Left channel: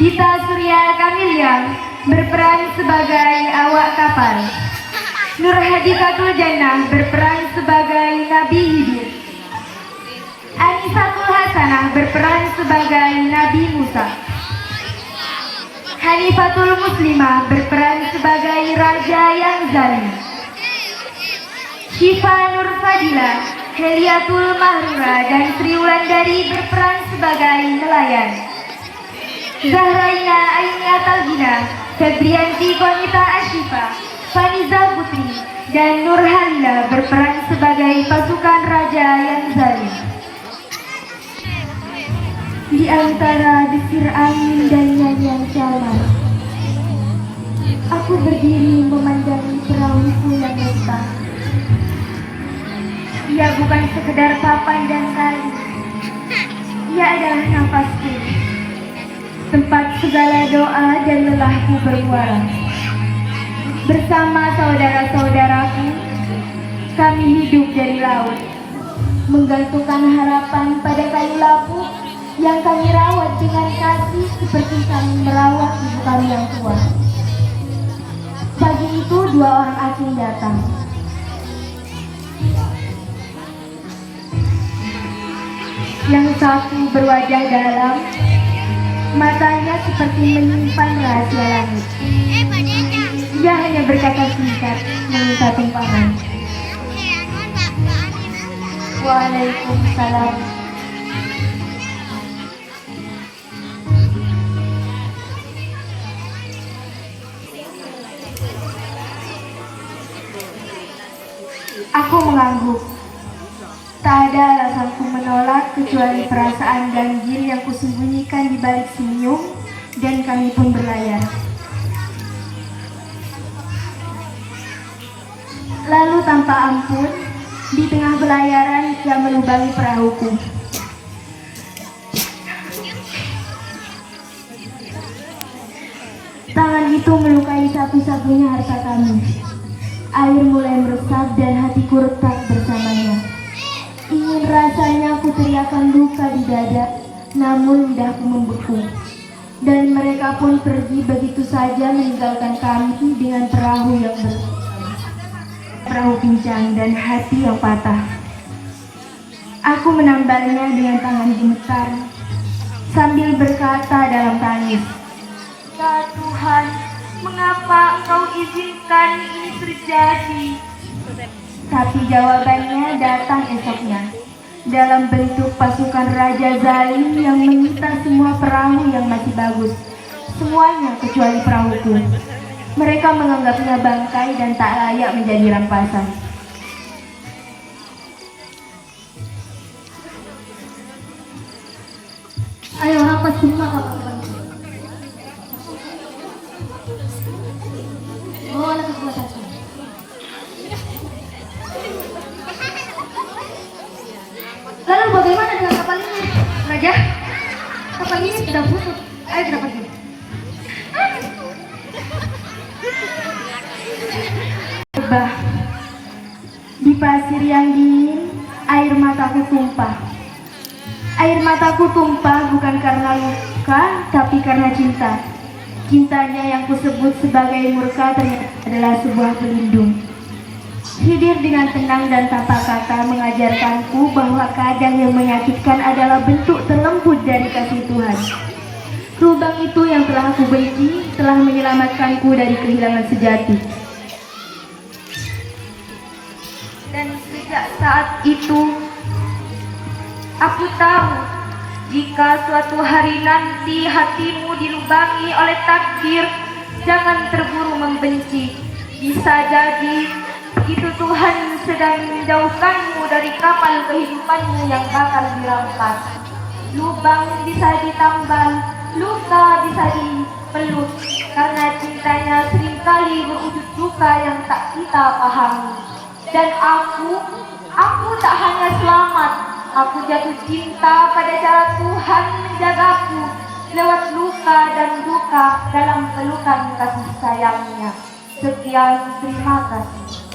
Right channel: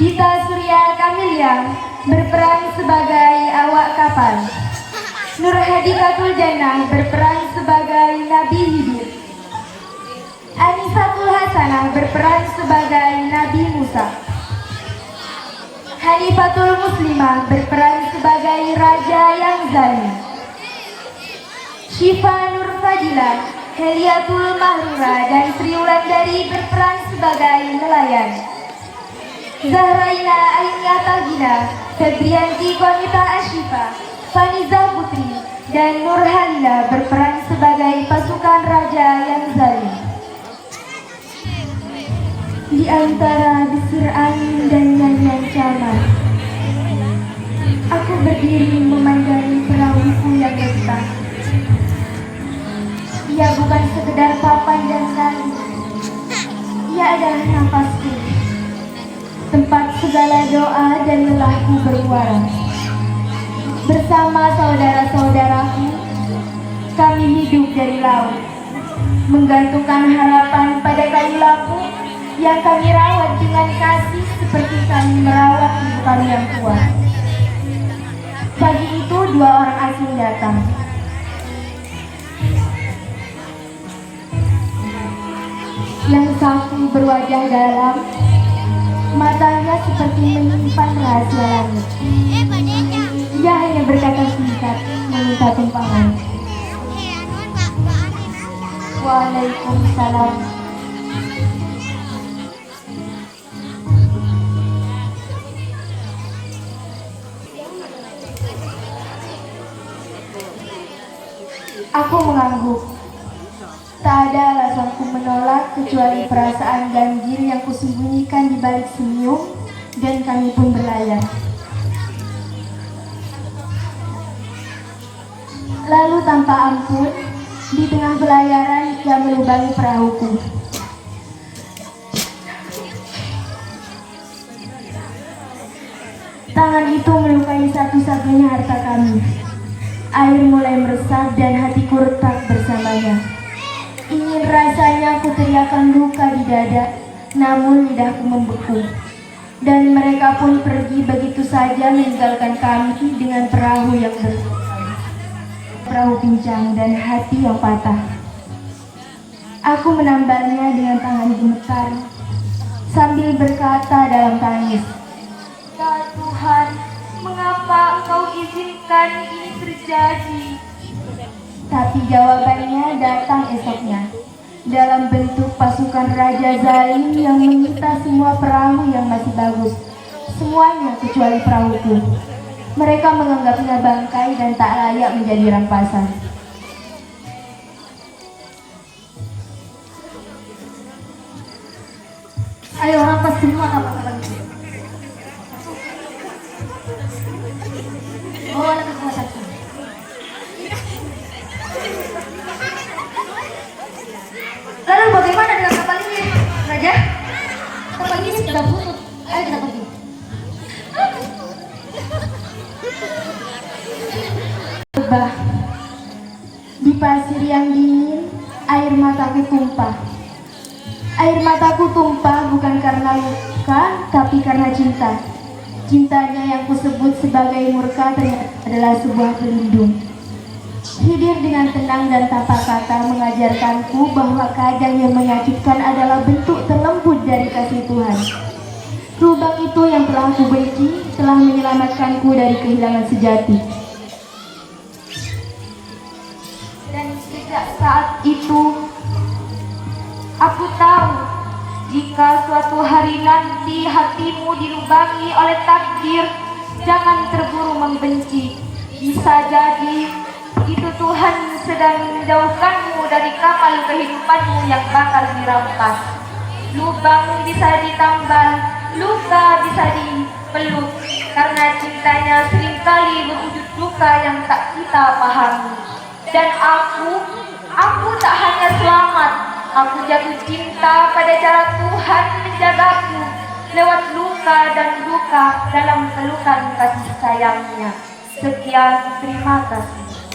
Dita Surya Kamilia berperan sebagai awak kapal. Nur Hadikatul Jannah berperan sebagai Nabi Hidir. Anisatul Hasanah berperan sebagai Nabi Musa. Hanifatul Muslimah berperan sebagai Raja yang Zalim. Syifa Nur Fadila, Heliatul Mahrura dan Sri Wulandari berperan sebagai nelayan. Zahraina Ainata Gina, Febrianti Konita Ashifa, Faniza Putri, dan Nur Halila berperan sebagai pasukan Raja yang Zalim. Di antara desir angin dan nyanyian syaman, aku berdiri memandangi perahuku yang besar. Ia bukan sekedar papan dan kain, ia adalah nafasku, tempat segala doa dan lelahku bermuara. Bersama saudara-saudaraku, kami hidup dari laut, menggantungkan harapan pada kayu lampu yang kami rawat dengan kasih seperti kami merawat ibu kami yang tua. Pagi itu dua orang asing datang. Yang satu berwajah dalam, matanya seperti menyimpan rahasia langit. Dia hanya berkata singkat, meminta tumpangan. Waalaikumsalam. Aku mengangguk. Tak ada alasanku menolak kecuali perasaan ganjil yang kusembunyikan di balik senyum, dan kami pun berlayar. Lalu tanpa ampun, di tengah belayaran ia melubangi perahuku. Tangan itu melukai satu-satunya harta kami. Air mulai meresap dan hatiku retak bersamanya. Ingin rasanya ku teriakan duka di dada, namun lidahku membeku. Dan mereka pun pergi begitu saja meninggalkan kami dengan perahu yang perahu pincang dan hati yang patah. Aku menambalnya dengan tangan gemetar sambil berkata dalam tangis, "Ya Tuhan, mengapa Engkau izinkan ini terjadi?" Tapi jawabannya datang esoknya dalam bentuk pasukan Raja Zalim yang menyita semua perahu yang masih bagus, semuanya kecuali perahuku. Mereka menganggapnya bangkai dan tak layak menjadi rampasan. Ayo rampas semua kapal-kapal. Bawa ke rumah sakit. Lalu bagaimana dengan kapal ini, Raja? Kapal ini sudah busuk. Ayo kita pergi. Di pasir yang dingin, air mataku tumpah. Air mataku tumpah bukan karena luka, tapi karena cinta. Cintanya yang kusebut sebagai murka ternyata adalah sebuah pelindung. Hidir dengan tenang dan tanpa kata mengajarkanku bahwa kadang yang menyakitkan adalah bentuk terlembut dari kasih Tuhan. Lubang itu yang telah aku benci telah menyelamatkanku dari kehilangan sejati. Dan sejak saat itu, aku tahu jika suatu hari nanti hatimu dilubangi oleh takdir, jangan terburu membenci. Bisa jadi itu Tuhan sedang menjauhkanmu dari kapal kehidupanmu yang bakal dirampas. Lubang bisa ditambal, luka bisa dipeluk, karena cintanya seringkali berwujud duka yang tak kita pahami. Dan aku tak hanya selamat, aku jatuh cinta pada cara Tuhan menjagaku lewat luka dan duka dalam pelukan kasih sayangnya. Sekian, terima kasih.